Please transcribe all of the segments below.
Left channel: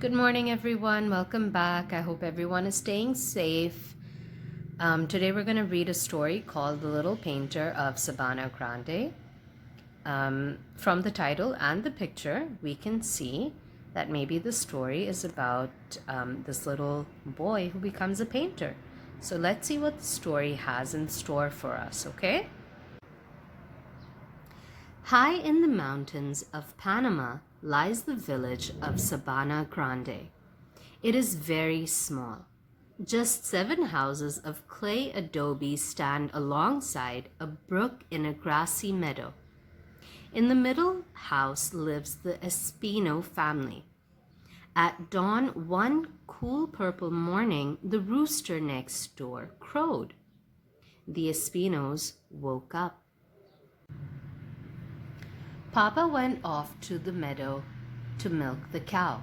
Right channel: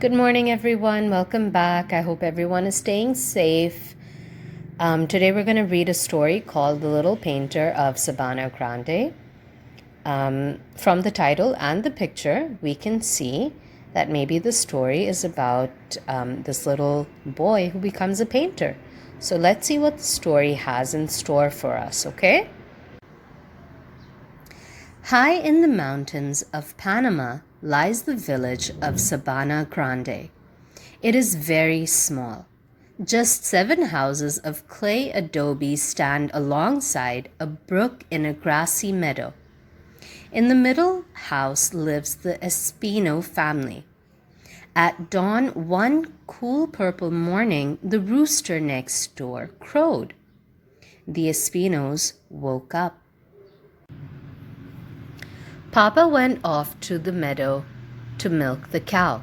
Good morning, everyone. Welcome back. I hope everyone is staying safe. Today we're going to read a story called The Little Painter of Sabana Grande. From the title and the picture, we can see that maybe the story is about this little boy who becomes a painter. So let's see what the story has in store for us, okay? High in the mountains of Panama lies the village of Sabana Grande. It is very small. Just 7 houses of clay adobe stand alongside a brook in a grassy meadow. In the middle house lives the Espino family. At dawn one cool purple morning, the rooster next door crowed. The Espinos woke up. Papa went off to the meadow to milk the cow.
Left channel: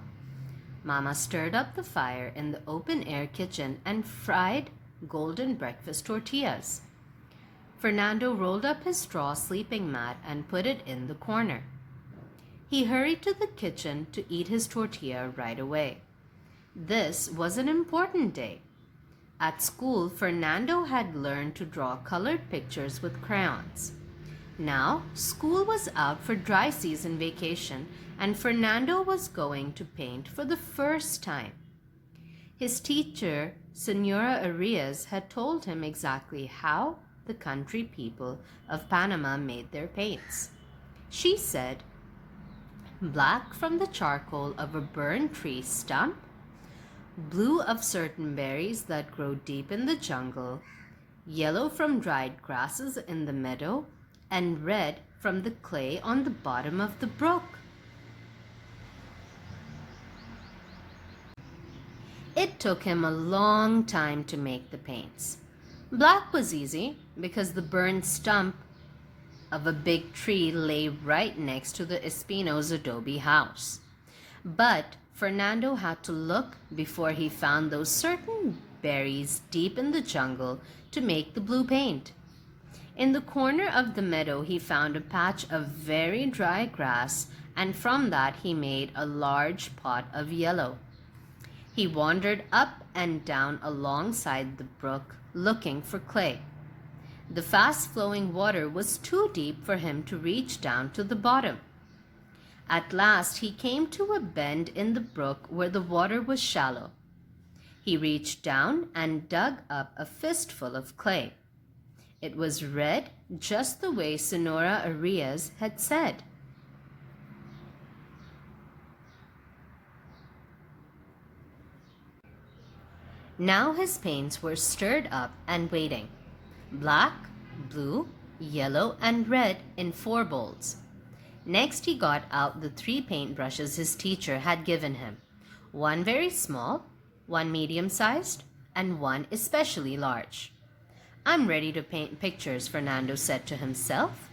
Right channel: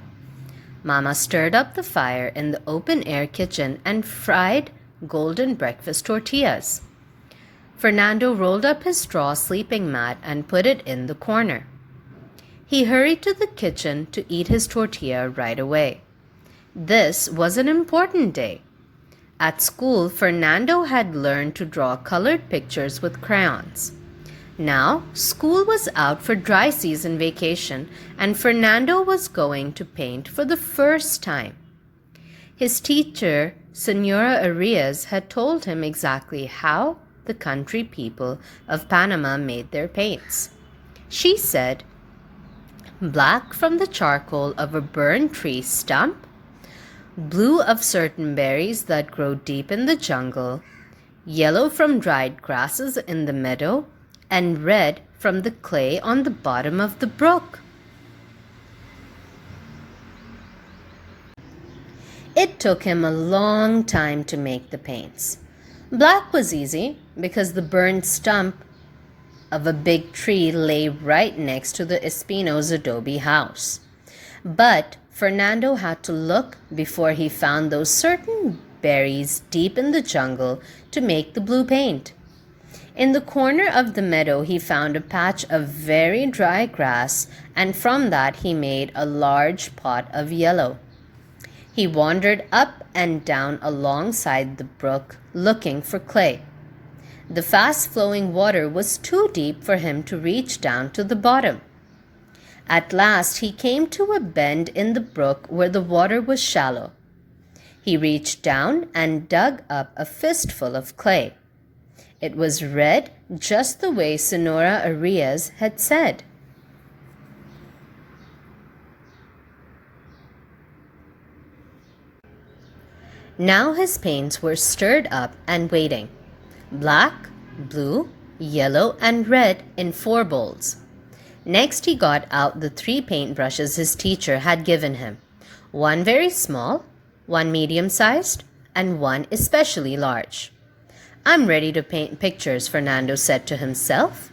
Mama stirred up the fire in the open-air kitchen and fried golden breakfast tortillas. Fernando rolled up his straw sleeping mat and put it in the corner. He hurried to the kitchen to eat his tortilla right away. This was an important day. At school, Fernando had learned to draw colored pictures with crayons. Now, school was out for dry season vacation, and Fernando was going to paint for the first time. His teacher, Senora Arias, had told him exactly how the country people of Panama made their paints. She said, black from the charcoal of a burned tree stump, blue of certain berries that grow deep in the jungle, yellow from dried grasses in the meadow, and red from the clay on the bottom of the brook. It took him a long time to make the paints. Black was easy because the burned stump of a big tree lay right next to the Espino's adobe house. But Fernando had to look before he found those certain berries deep in the jungle to make the blue paint. In the corner of the meadow, he found a patch of very dry grass, and from that he made a large pot of yellow. He wandered up and down alongside the brook, looking for clay. The fast-flowing water was too deep for him to reach down to the bottom. At last, he came to a bend in the brook where the water was shallow. He reached down and dug up a fistful of clay. It was red, just the way Senora Arias had said. Now his paints were stirred up and waiting. Black, blue, yellow, and red in 4 bowls. Next he got out the 3 paintbrushes his teacher had given him. 1 very small, 1 medium-sized, and 1 especially large. I'm ready to paint pictures, Fernando said to himself.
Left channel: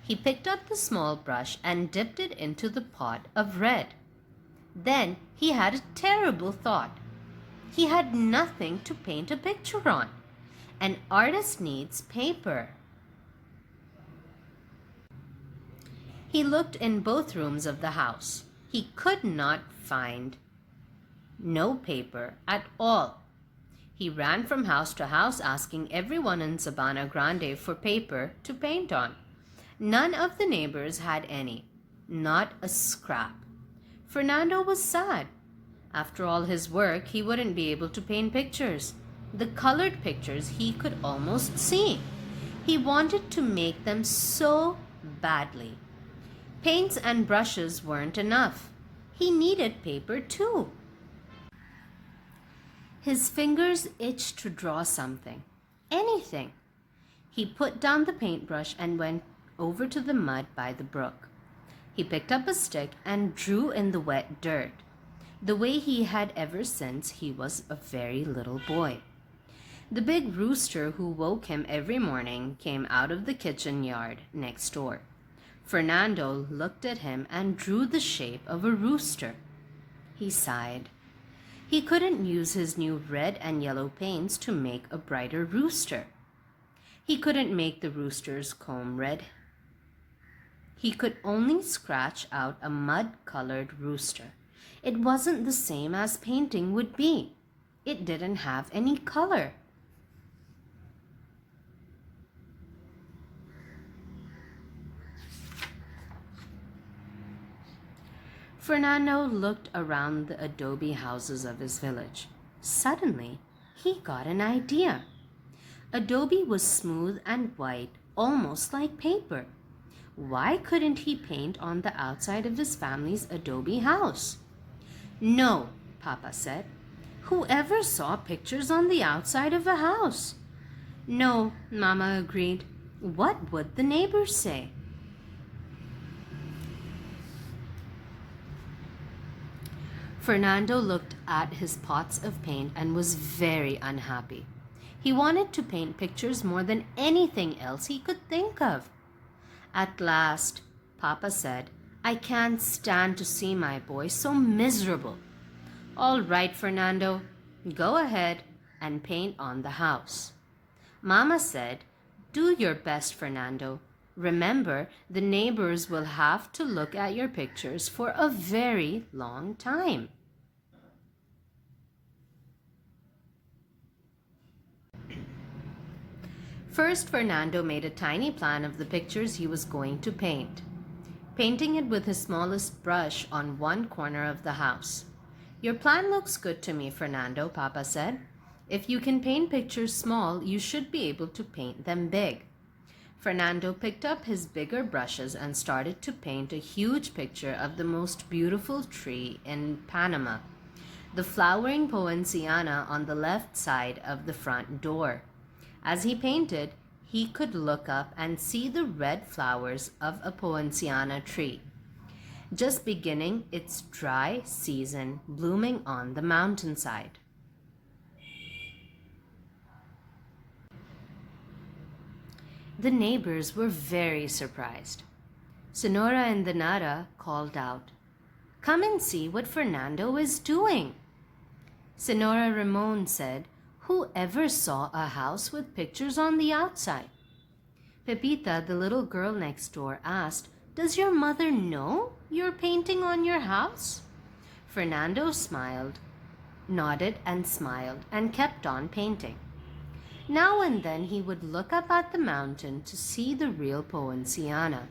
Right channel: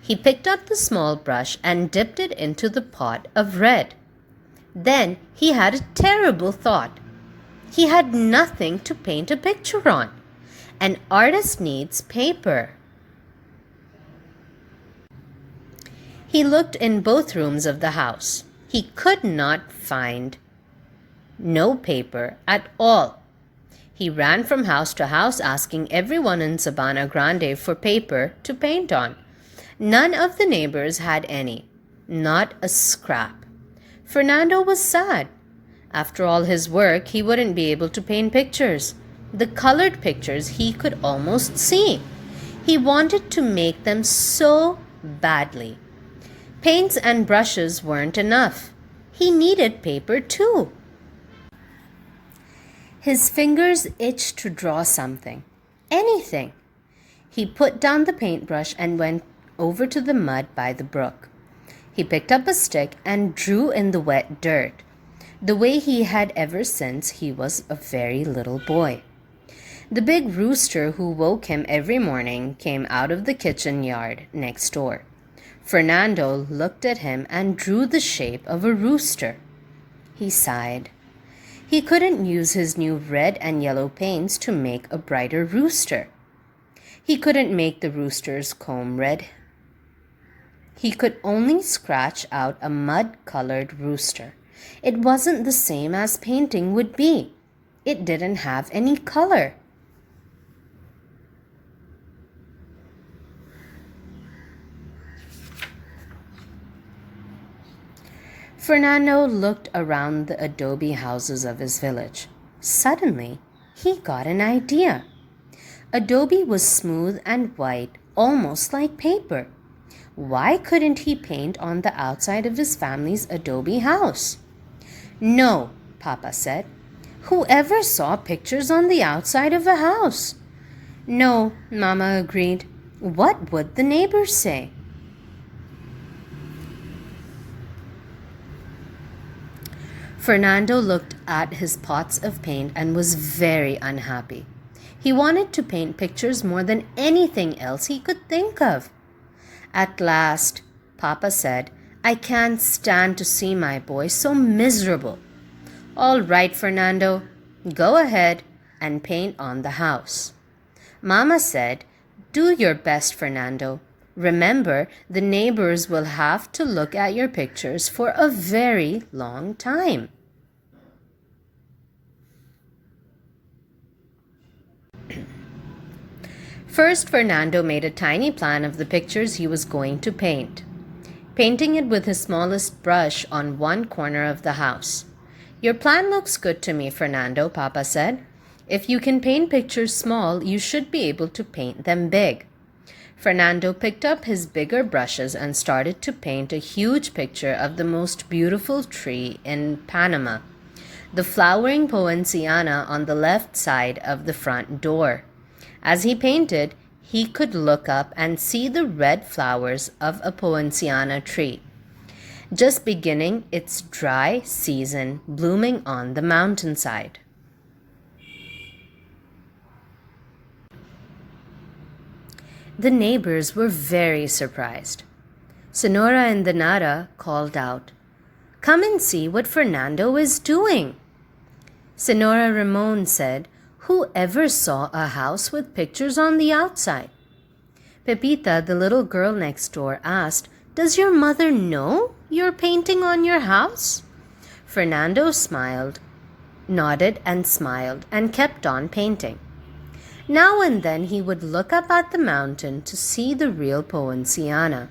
He picked up the small brush and dipped it into the pot of red. Then he had a terrible thought. He had nothing to paint a picture on. An artist needs paper. He looked in both rooms of the house. He could not find no paper at all. He ran from house to house asking everyone in Sabana Grande for paper to paint on. None of the neighbors had any, not a scrap. Fernando was sad. After all his work, he wouldn't be able to paint pictures. The colored pictures he could almost see. He wanted to make them so badly. Paints and brushes weren't enough. He needed paper too. His fingers itched to draw something, anything. He put down the paintbrush and went over to the mud by the brook. He picked up a stick and drew in the wet dirt, the way he had ever since he was a very little boy. The big rooster who woke him every morning came out of the kitchen yard next door. Fernando looked at him and drew the shape of a rooster. He sighed. He couldn't use his new red and yellow paints to make a brighter rooster. He couldn't make the rooster's comb red. He could only scratch out a mud-colored rooster. It wasn't the same as painting would be. It didn't have any color. Fernando looked around the adobe houses of his village. Suddenly, he got an idea. Adobe was smooth and white, almost like paper. Why couldn't he paint on the outside of his family's adobe house? No, Papa said. Whoever saw pictures on the outside of a house? No, Mama agreed. What would the neighbors say? Fernando looked at his pots of paint and was very unhappy. He wanted to paint pictures more than anything else he could think of. At last, Papa said, I can't stand to see my boy so miserable. All right, Fernando, go ahead and paint on the house. Mama said, do your best, Fernando. Remember, the neighbors will have to look at your pictures for a very long time. First, Fernando made a tiny plan of the pictures he was going to paint, painting it with his smallest brush on one corner of the house. Your plan looks good to me, Fernando, Papa said. If you can paint pictures small, you should be able to paint them big. Fernando picked up his bigger brushes and started to paint a huge picture of the most beautiful tree in Panama, the flowering poinciana on the left side of the front door. As he painted, he could look up and see the red flowers of a poinciana tree, just beginning its dry season, blooming on the mountainside. The neighbors were very surprised. Sonora and Danara called out, Come and see what Fernando is doing. Sonora Ramon said, Who ever saw a house with pictures on the outside? Pepita, the little girl next door, asked, Does your mother know you're painting on your house? Fernando nodded and smiled, and kept on painting. Now and then he would look up at the mountain to see the real poinciana.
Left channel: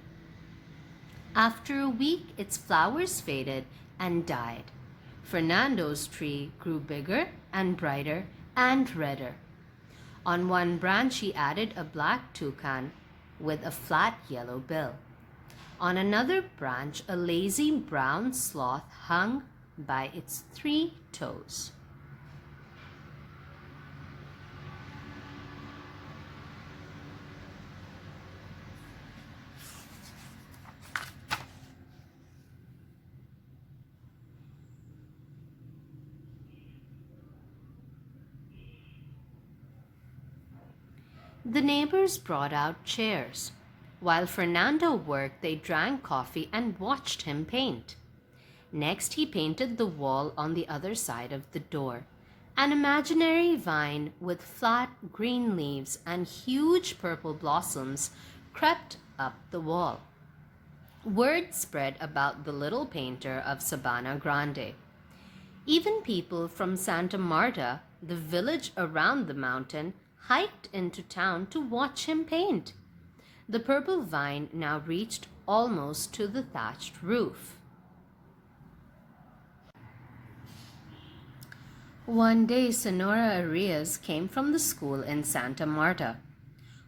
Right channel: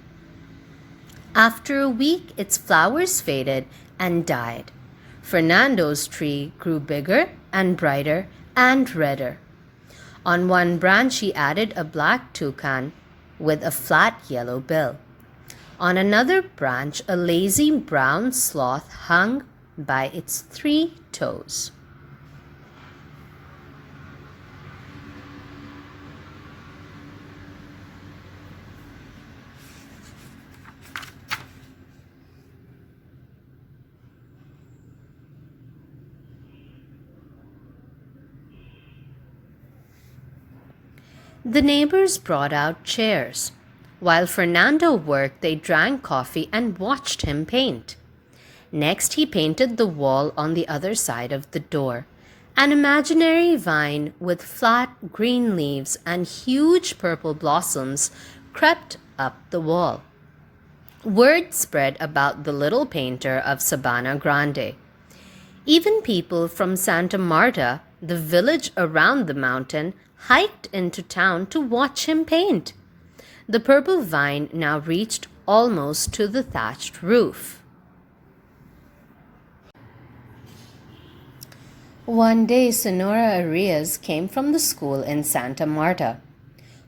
After a week, its flowers faded and died. Fernando's tree grew bigger and brighter and redder. On one branch he added a black toucan with a flat yellow bill. On another branch a lazy brown sloth hung by its 3 toes. The neighbors brought out chairs. While Fernando worked, they drank coffee and watched him paint. Next, he painted the wall on the other side of the door. An imaginary vine with flat green leaves and huge purple blossoms crept up the wall. Word spread about the little painter of Sabana Grande. Even people from Santa Marta, the village around the mountain, hiked into town to watch him paint. The purple vine now reached almost to the thatched roof. One day, Sonora Arias came from the school in Santa Marta.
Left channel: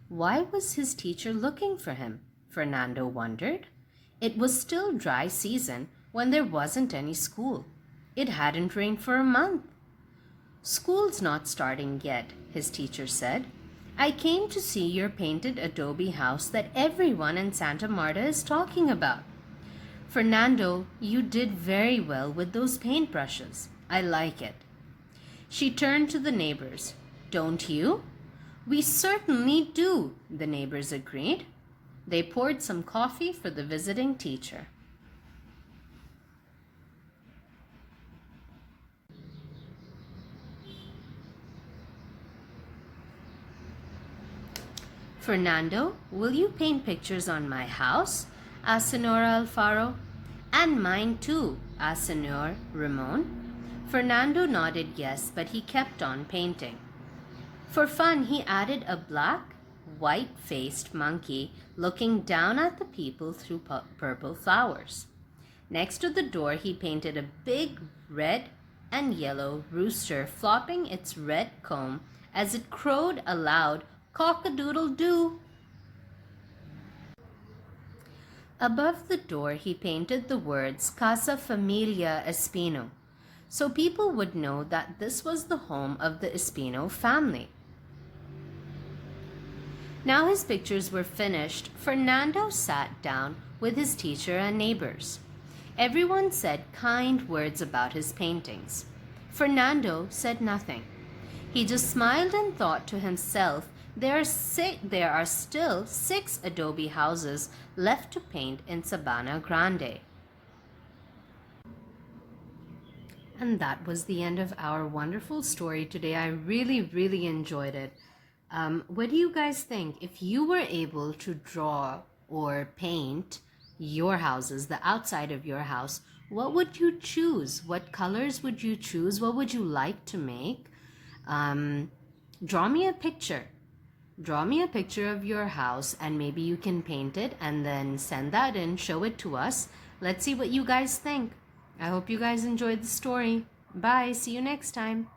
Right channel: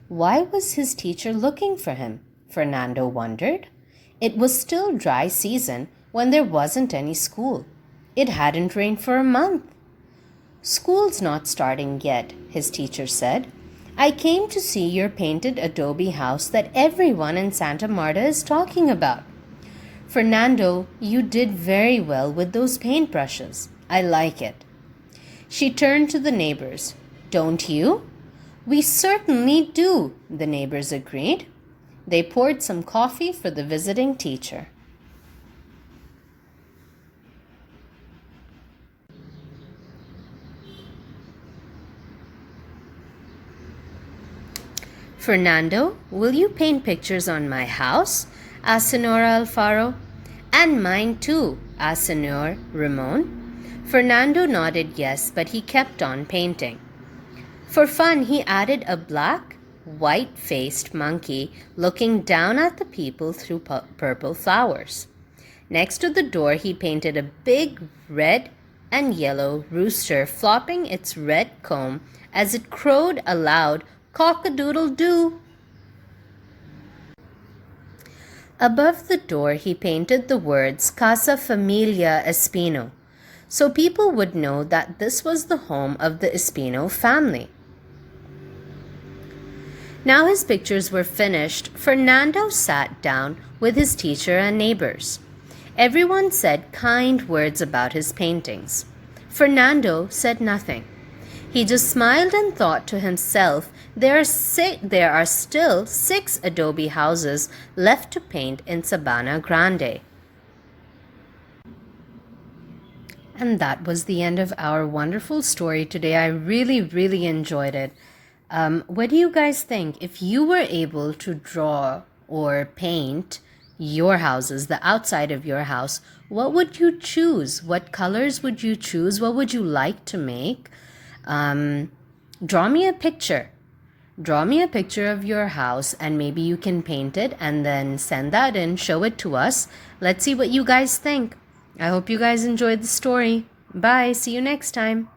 Why was his teacher looking for him? Fernando wondered. It was still dry season when there wasn't any school. It hadn't rained for a month. School's not starting yet, his teacher said. I came to see your painted adobe house that everyone in Santa Marta is talking about. Fernando, you did very well with those paintbrushes. I like it. She turned to the neighbors. Don't you? We certainly do, the neighbors agreed. They poured some coffee for the visiting teacher. Fernando, will you paint pictures on my house? Asked Sonora Alfaro. And mine too, asked Senor Ramon. Fernando nodded yes, but he kept on painting. For fun, he added a black, white-faced monkey looking down at the people through purple flowers. Next to the door, he painted a big red and yellow rooster flopping its red comb as it crowed a loud cock-a-doodle-doo. Above the door, he painted the words Casa Familia Espino, so people would know that this was the home of the Espino family. Now his pictures were finished, Fernando sat down with his teacher and neighbors. Everyone said kind words about his paintings. Fernando said nothing. He just smiled and thought to himself, there are still 6 adobe houses left to paint in Sabana Grande. And that was the end of our wonderful story today. I really enjoyed it. What do you guys think? If you were able to draw or paint your houses, the outside of your house, what would you choose? What colors would you choose? What would you like to make? Draw me a picture. Draw me a picture of your house and maybe you can paint it and then send that in, show it to us. Let's see what you guys think. I hope you guys enjoyed the story. Bye. See you next time.